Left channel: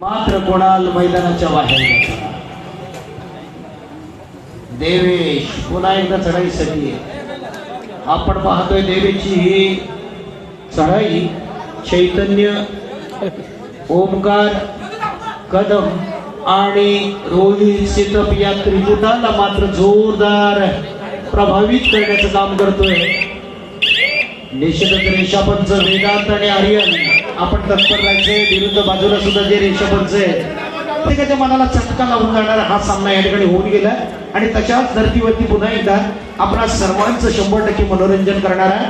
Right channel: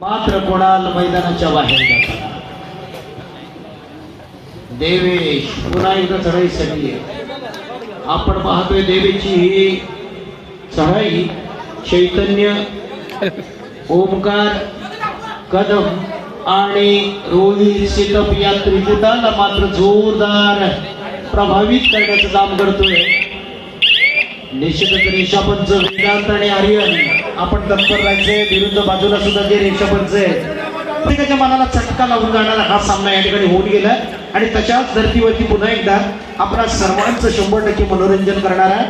मात्र कोणाल मैदानाच्या बाहेर देवेश पुन्हा एकदा चढाई आहे. आपण पाहतोय देवीची ही चढाई चैतन्य ओमकार कदम आणि रोहित सिटप या त्रिजुताला मात्र जोरदार प्रभावित करण्याचं काम करतोय. निश्चितच रेषापंच वेदांत आणि आर्यन. आपण तत्पर राहायचे विरुद्ध बाजूला सुद्धा जे रेषापंच आहे प्रत्येकाच्या मनाला चटका लागून जाणारा हा सामना या ठिकाणी होऊन गेला. आणि तशाच धर्तीवरती पुन्हा एकदा आपला सर्वांचं शंभर टक्के मनोरंजन करणारा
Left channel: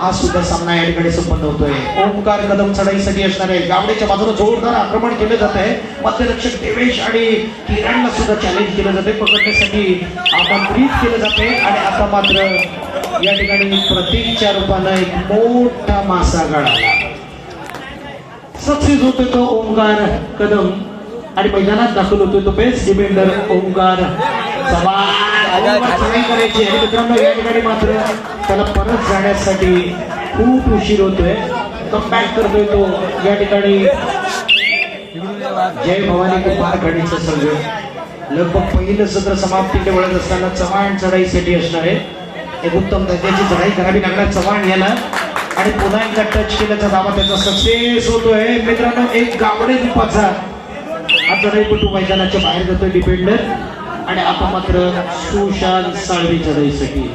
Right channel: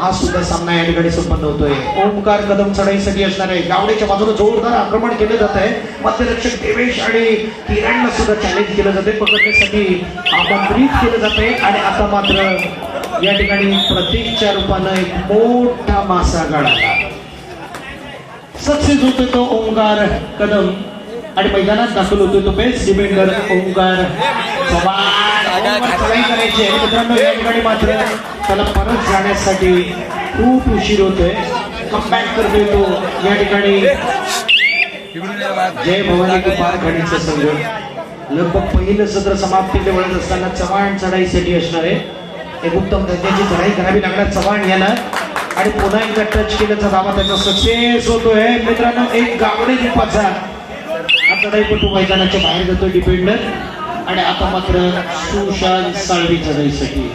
हा सुद्धा सामना या ठिकाणी संपन्न होतोय. ओंकार कदम चढाईसाठी असणार आहे. गावडेच्या बाजूला जोरदार आक्रमण केले जात आहे. मध्यरक्षक देवेश आणि किरणला सुद्धा चॅलेंज केलं जाते पकडण्यासाठी आमंत्रित केलं जाते आणि आता मात्र या ठिकाणी प्रतीकच्या रूपानं एक मोठा मासा गळाला. सक्सेस होतो तो ओंकार कदम. आणि मैदानात दाखल होतो तो बेस्ट डिफेंडर ओंकार. करायची. आहे मित्रांनो या ठिकाणी मात्र त्याला परत जाण्यासाठी खूप उशीर होतोय. बॅक करतोय तो. या ठिकाणी जय भवानी कुमार गणेश संघ. लगभग पहिलं सत्र समाप्तीकडे वळत असताना चव्हाण चढाईसाठी असणार आहे. एक उत्तम त्याची चढाई करावी लागणार. चव्हाण याला आणि पुन्हा एकदा टच केल्याचा दावा त्याचा सक्सेस होतोय. मित्रांनो एक गावडे रूपाचा आता चढाईपटू मैदानाच्या बाहेर जातोय डिपेंडर आणि आता मात्र सुशांत साळवी चढाईसाठी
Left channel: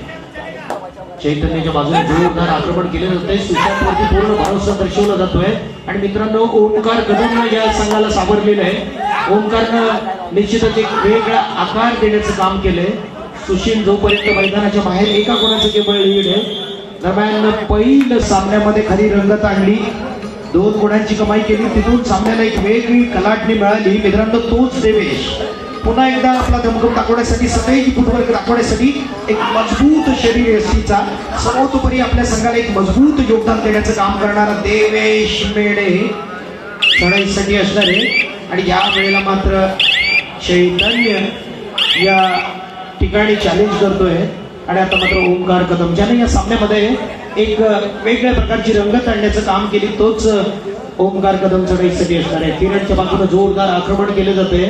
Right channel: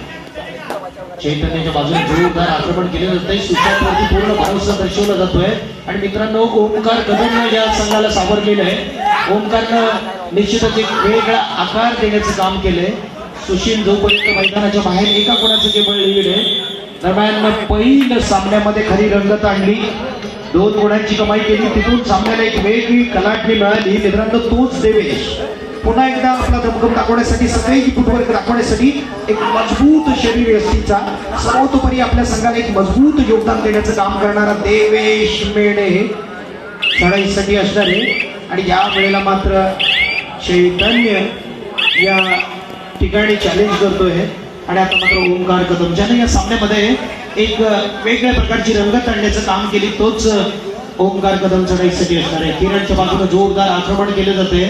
चैतन्याच्या बाजूने जोरदार आक्रमण केले जाते सुशांतवरती पूर्ण भरोसा दर्शवला जातोय. आणि मित्रांनो ओमकार कदम या संघाला सावरलेलं आहे. ओमकारनं निश्चितच एक वेगळा आकार देण्याचं काम केलंय. सुशील जोपर्यंत मैदानाच्या बाहेर एका कोणाचं केवळ लीड आहे दरम्यान पहिल्या सामन्यामध्ये खरी रंगत आणली. दोन गुणांची कमाई केली. तिथून सामन्याला एक वेगळी कलाटणी मिळाली. मित्रांनो तोच देवेश. पुन्हा एकदा आपला दमदम दाखवण्यासाठी सगळ्याची फुटवर्क दाखवण्यासाठी एक मजबूत शरीर यष्टीचा सर्वतोपरी आपल्या संघाला एक मजबूत योगदान देण्याचं काम करणारा देवेश मेढे चढाईसाठी असणारे. आणि या वेळेला मात्र चैतन्य या ठिकाणी चॅलेंज करतोय. आणि आता मात्र ओंकार कदम ज्याने या सामन्यामध्ये एक वेगळ्या प्रकारची रंगत आणण्याचं काम केली तोच ओंकार कदम चढाईसाठी असणार आहे किरणच्या बाजूने जोरदार आक्रमण केले जाते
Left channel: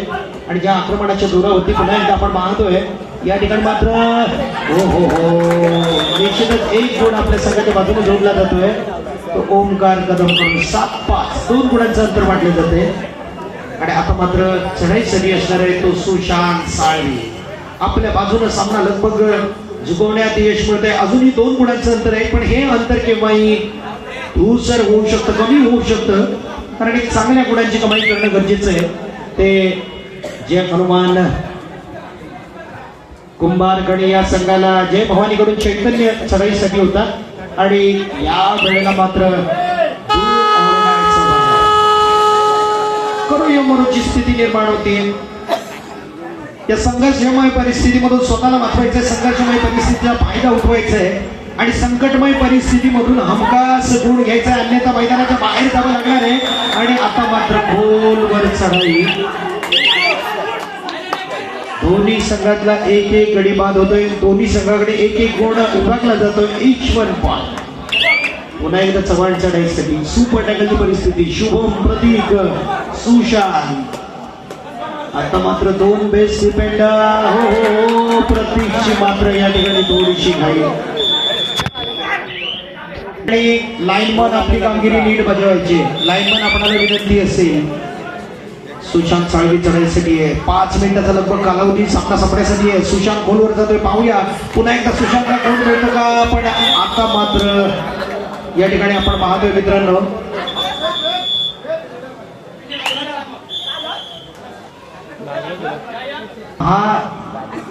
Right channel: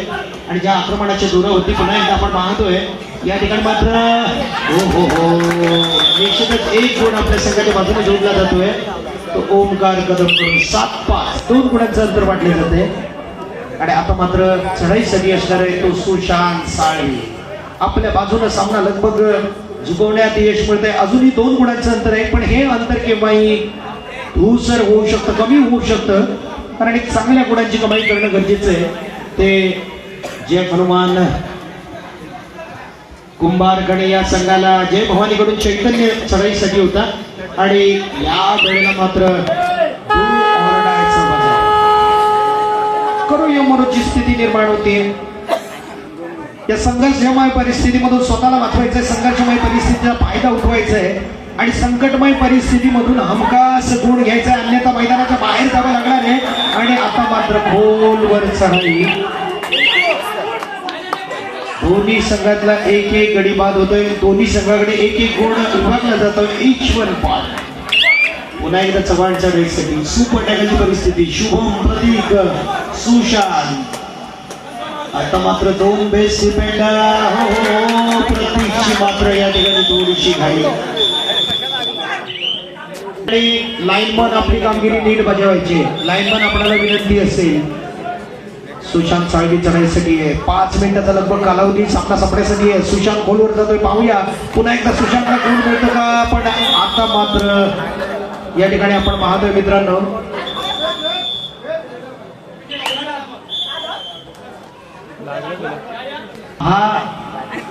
आणि ज्या आक्रमणाच्या दुरावरती पुन्हा एकदा आपण पाहतोय या ठिकाणी मात्र हो हो हो निश्चितच एक गुण आपल्या संघाच्या बाजूने जोडला जातोय. तो ओंकार कदम सात पाच दोन गुणांचं अंतर वाटले जाते आणि आता मात्र चढाईसाठी असणार आहे तो सुशांत साळवी. आपल्या बाजूला सामना लगभग जिंकवण्यात यश मिळते अजूनही दोन गुणांचं अंतर आहे पण हे अंतर केव्हाही धूसर होऊ शकतं कमी होऊ शकतं. कारण एक चांगल्या गुणांची कमाई करणं गरजेचं आहे. ते जय हनुमान कुंभारकडे या संघाला जय भवानीकडून चैतन्य चढाईसाठी होता. आणि या वेळेला मात्र करू या मनोची स्थिती निर्माण होते. या संघर्षमय परिस्थितीमधून स्वतःला वाचवायचं संघर्षमय परिस्थितीचा फायदा उठवायचा आहे आणि संकटमय परिस्थितीमधून हमखास गुण घ्यायचा अन्यथा मैदानाच्या बाहेर जावं लागणार आहे. आणि आता मात्र खोलवर चढाई. दोन्ही संघातला एक एक गडी बाद होतोय. दोन्ही संघाकडे एक एक गुण उभारला जातो इच वन पाल. पुन्हा एकदा चव्हाणच्या चढाईसाठी सुपटाकाची परिस्थिती. शुभम प्रतीक सुशांत. आता मात्र दोन बेस डिफेंडर हो प्रतीकची मात्र या ठिकाणी थोडीशी घाई. आणि लाईनमन आपली कामगिरी नीट बजावायची. लाईनमन आपल्याला विनंती असेल. सुशांत साळवी चढायसाठी आहे. पाच मिनिटाचा लगभग कालावधी सामना संपण्यासाठी आहे. सुशांत गोलवर जातोय. पाहूया. पुन्हा एकदा सुशांत काय कोण मिळतं का? पण आता मात्र या ठिकाणी आपण पाहतोय मित्रांनो. हा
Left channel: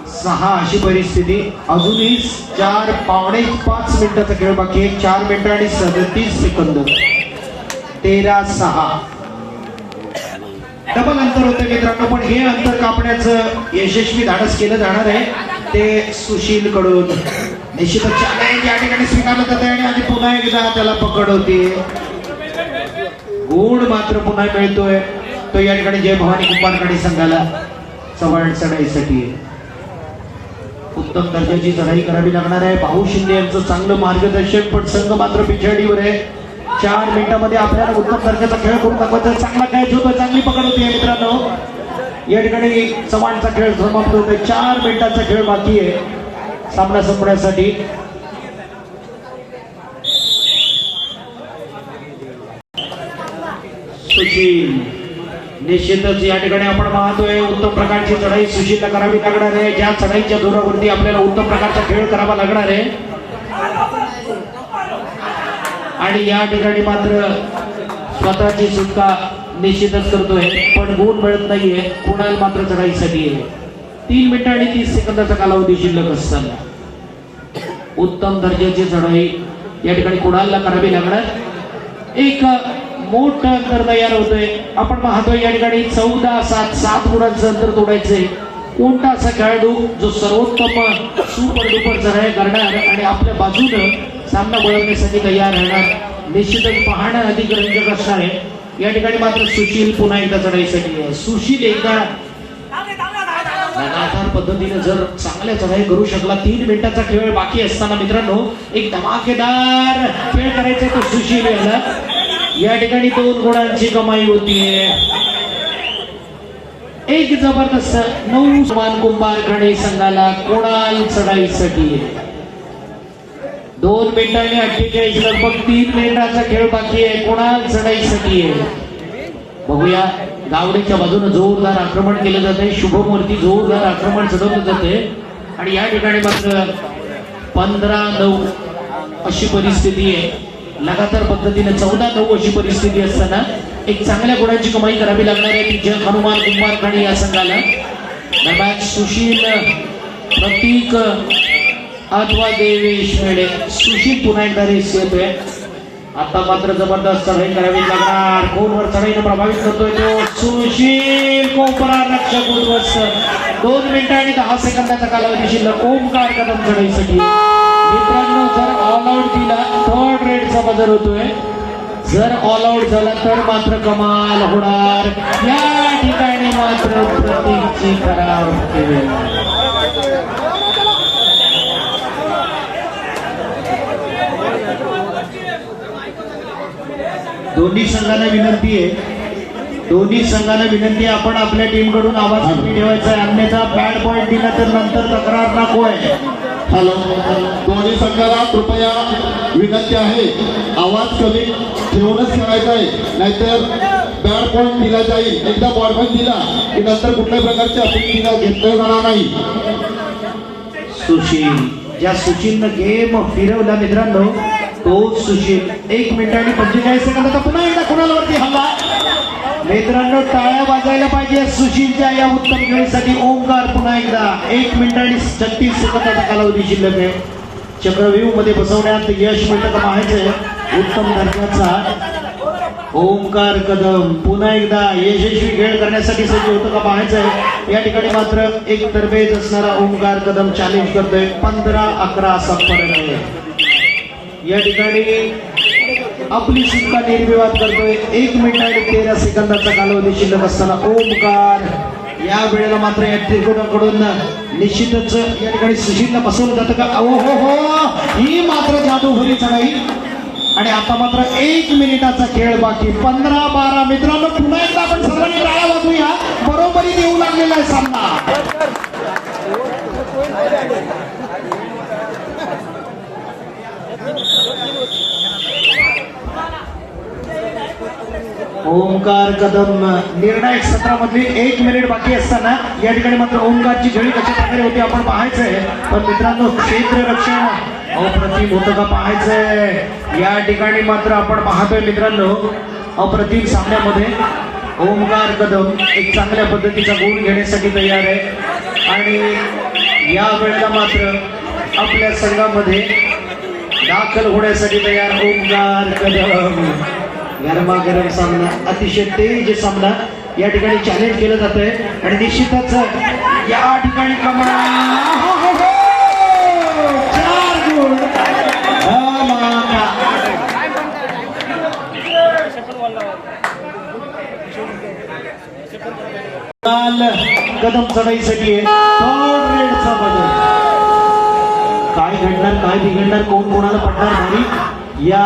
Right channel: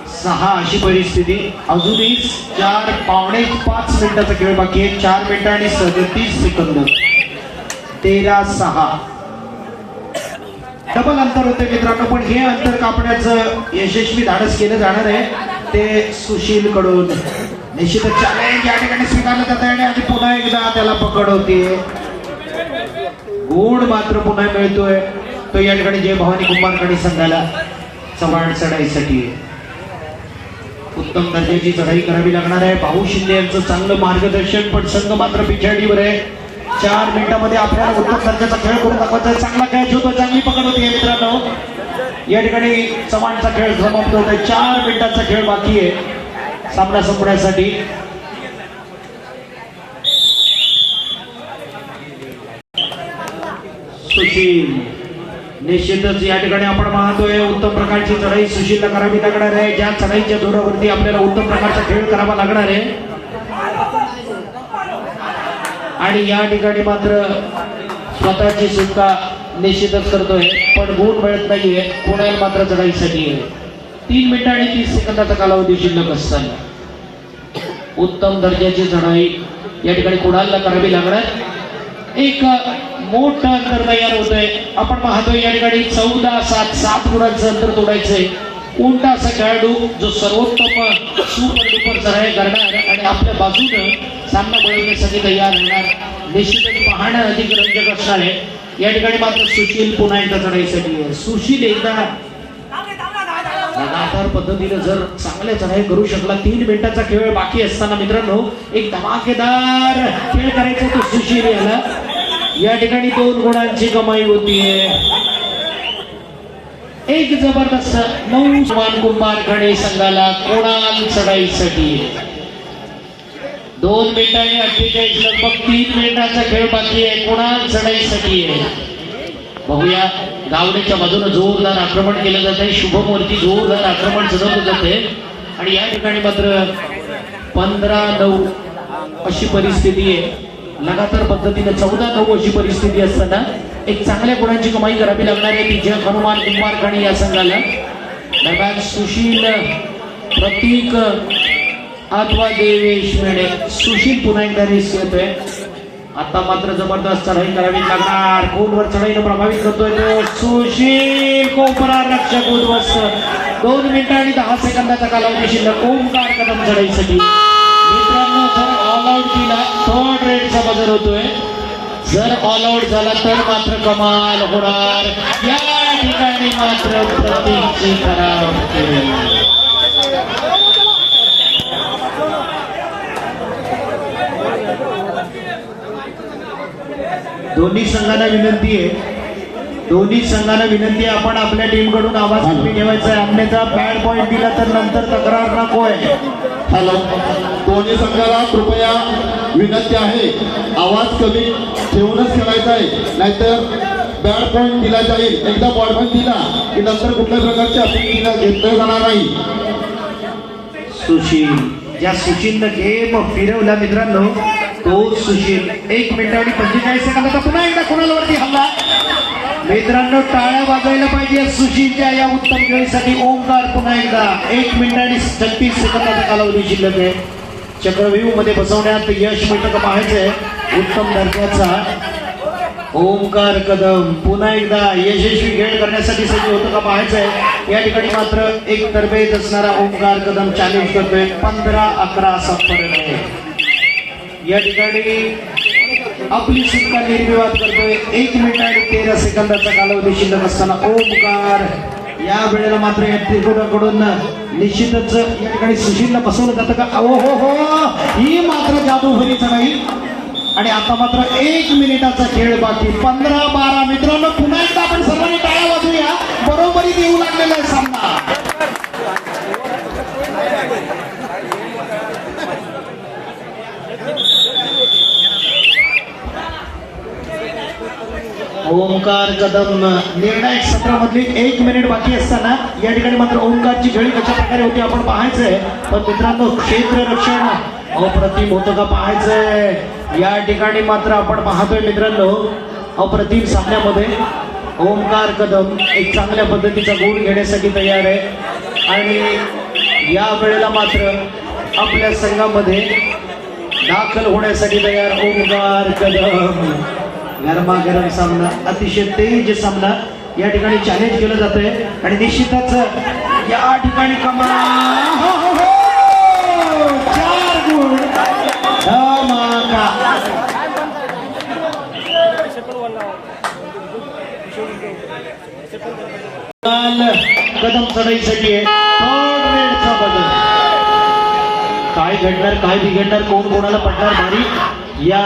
सहा अशी परिस्थिती. अजूनही चार पावणे पाच मिनिटाचा खेळ बाकी आहे. चार मिनिटं आणि सदतीस सेकंद. तेरा सहा. डबल अंतर होते मित्रांनो पण हे अंतर कापण्याचं यशस्वी धाडस केलं जाणार आहे. ते सुशील कडून निश्चितच challenge या ठिकाणी स्वीकारलं जात आहे आणि पुन्हा एकदा त्याला पकड होती. गुण मात्र पुन्हा मिळतोय. तो या ठिकाणी जय भवानी कुंभारकडे संघाला चव्हाण चढाईसाठी. उत्तम दर्जाची चढाई करावी लागणार आहे. भाऊ शिंदे यांचं चांगलं मार्गदर्शन पण संघ मात्र पिछाडीवर आहे. चार मिनिटामध्ये आपल्याला उत्तम दर्जाचा खेळ करून दाखवायचा चांगला खेळ होतो चांगली पकड होती मित्रांनो. या ठिकाणी चव्हाणचा खेळ समाप्त होतोय चार मिनिटांचा खेळ बाकी आहे. सामना संपण्यासाठी सुशील. निश्चितच या ठिकाणी आपण पाहतोय उत्तम प्रकारची चढाई सुशील करावी लागणार आहे. ज्या चढाईच्या जोरावरती आपल्याला उत्तम प्रकारचा खेळ करावा लागणार आहे. आणि या ठिकाणी मात्र स्वतःची सुटका निश्चितच करतोय. पण गुण मिळत नाहीये. कोणाला मात्र चढाईसाठी आहे. तीन मिनिटं आणि तीस सेकंदाचा कालावधी शिल्लक असताना. उत्तम दर्जाची चढाई या ठिकाणी कुणाला करावी लागणार एक मोठं अंतर तयार होतंय. आपण पाहतोय या ठिकाणी चौदा सात सात गुणांचं अंतर तोडायचंय. कोणता असा खेळाडू जो सर्वोत्तम सुपर डुपर चढाई करणार आणि आपल्या बाजूनं सामना बळवण्यासाठी तयार राहणार. निश्चितच पाहणं अधिक रंजक असणार आहे. या ठिकाणी मात्र सुशील पुन्हा एकदा चढाईसाठी सुशील एकदा पद्धतीने जर चांगल्या चढाई करू शकला. तीन मिनिटाचा खेळ बाकी असताना मित्रांनो एक धमाकेदार खेळ करायचा तो सुशील याला या ठिकाणी दोन गुणांची कमाई होतीये एक जबरदस्त नऊ समान कुंभार गणे संघाला कोणाल चढाईसाठी दोन मिनिटांनी अठ्ठेचाळीस लगभग तीन मिनिटाचा खेळ बाकी आहे. कोणाल चढाईसाठी आहे बघूया गावड्याच्या बाजूने जोरदार आक्रमण केलं जात आहे शुभमूर्ती जोरदार आक्रमण चढवलं जाते आणि या ठिकाणी मात्र पंधरा नऊ अशी परिस्थिती आहे. लगातार पद्धतीने चौदा नऊ अशी परिस्थिती असताना एक चांगल्या गुणांची कमाई करावी लागणार आहे ती जग हनुमान कुमार गणे या संघाला. दरम्यान सुशील प्रतीक अथवा देवेश मेडे सुशील पुन्हा एकदा रेस येतोय. आता मात्र जबरदस्त चढाई करावी लागणार. फोनवर चढाईनं प्रभावित करतोय तो सुशील कोपरा रक्षक उद्ध्वस्त. दोन मिनिटं आणि दहा सेकंदाचा कालावधी शिल्लक. ओंकार कदम चढाईसाठी. सादर होतोय. जर ऑल आउट झाला तर मात्र कमाल होणार. या ठिकाणी मात्र प्रतीची करार केली दोन्ही संघांना विनंती आहे. दोन्ही संघांना विनंती आहे आपण आपल्या टीमकडून आवाज कमी ठेवायचा आहे. अन्यथा बॅड पॉईंट दिला तर नंतर तक्रार नको आहे. हॅलो. दोन्ही संघाला कृपया विनंती आहे. आवाज कमी ठेवूनच ठेवायचा आहे. नाहीतर बॅड पॉईंट दिला जाईल. एकदा बॉल पॉईंट दिला की नंतर कुठल्या प्रकारची अपील दिला घेतलं जाणार नाही. सुशील. ज्या सुशीलनं गेम फिरवला मित्रांनो तो सुशील. एक मिनिट आणि पंचेचाळीस सेकंदाचा पुन्हा एकदा कुणालवरती हल्ला? मित्रांनो टाळ्या वाजवायला पाहिजे सुशीलच्या या उत्तम खेळीसाठी. ओंकार पुन्हा एकदा. एक मिनिट आणि छत्तीस सेकंदाचा कालावधी शिल्लक आहे. चक्रव्यूहमध्ये बसवण्यात यश मिळतं का पाहायचंय उत्तम दर्जाचा ओमकार कदम. पुन्हा एकदा यशस्वी खेळ करण्यासाठी सज्ज होतं का पाहायचंय या ठिकाणी मात्र एक तरबेज असणारा ओमकार कदम चॅलेंज करतोय. पंधरा अकरा असा या ठिकाणी आपली सुटका निर्विवाद करतोय. एक मिनिट आणि तेरा सेकंदाचा कालावधी शिल्लक असताना ओमकार या वेळेला मात्र या त्रिकोणाकडून निश्चितच या ठिकाणी सुशीलला बसवलं जातं का? ओ हो हो. ही मात्र जादूभरीच नाही आणि आता मात्र एक मिनिटाचा खेळ बाकी. पंधरा बारा मित्रांनो पुन्हा एकदा आपण सर्वांनी टाळ्या वाजूया बरोबरी देऊ लागलेला आहे सामना. ओंकार कदम निर्णायक सत्रामधली एक मिनिट बाकी असताना या ठिकाणी मात्र ओंकारची झळी कशा प्रकारे होती आपण पाहायचंय. पण मित्रांनो क्षेत्ररक्षण अप्रतिम होतं का पाहायचंय? या ठिकाणी मात्र आपण पाहतोय मित्रांनो अप्रतिम सामन्यामध्ये ओंकार कदम एक चांगल्या पद्धतीचा गुण घेण्यासाठी तयार आहे. आणि या वेळेला मात्र आपल्या संघामध्ये दाखल होण्यासाठी तयार ओंकार कदम. गरमागरम सामना अतिशय तेज सामना या ठिकाणी चॅलेंज केलं जात आहे आणि निश्चितच या ठिकाणी हो, हो, हो. कदम चढाईसाठी काय घडणार काय बिघडणार कोण कोणाला पडणार नाही. या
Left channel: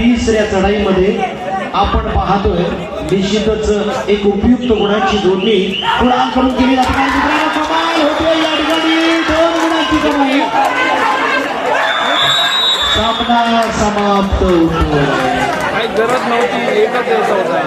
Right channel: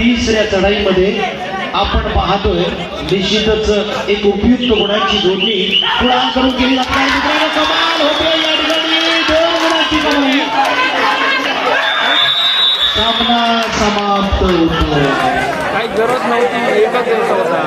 तिसऱ्या चढाईमध्ये आपण पाहतोय निश्चितच एक उपयुक्त गुणाची जोडणी केली गुणांची कमाई सामना समाप्त होतो काही गरज नव्हती एकच यायचा होता.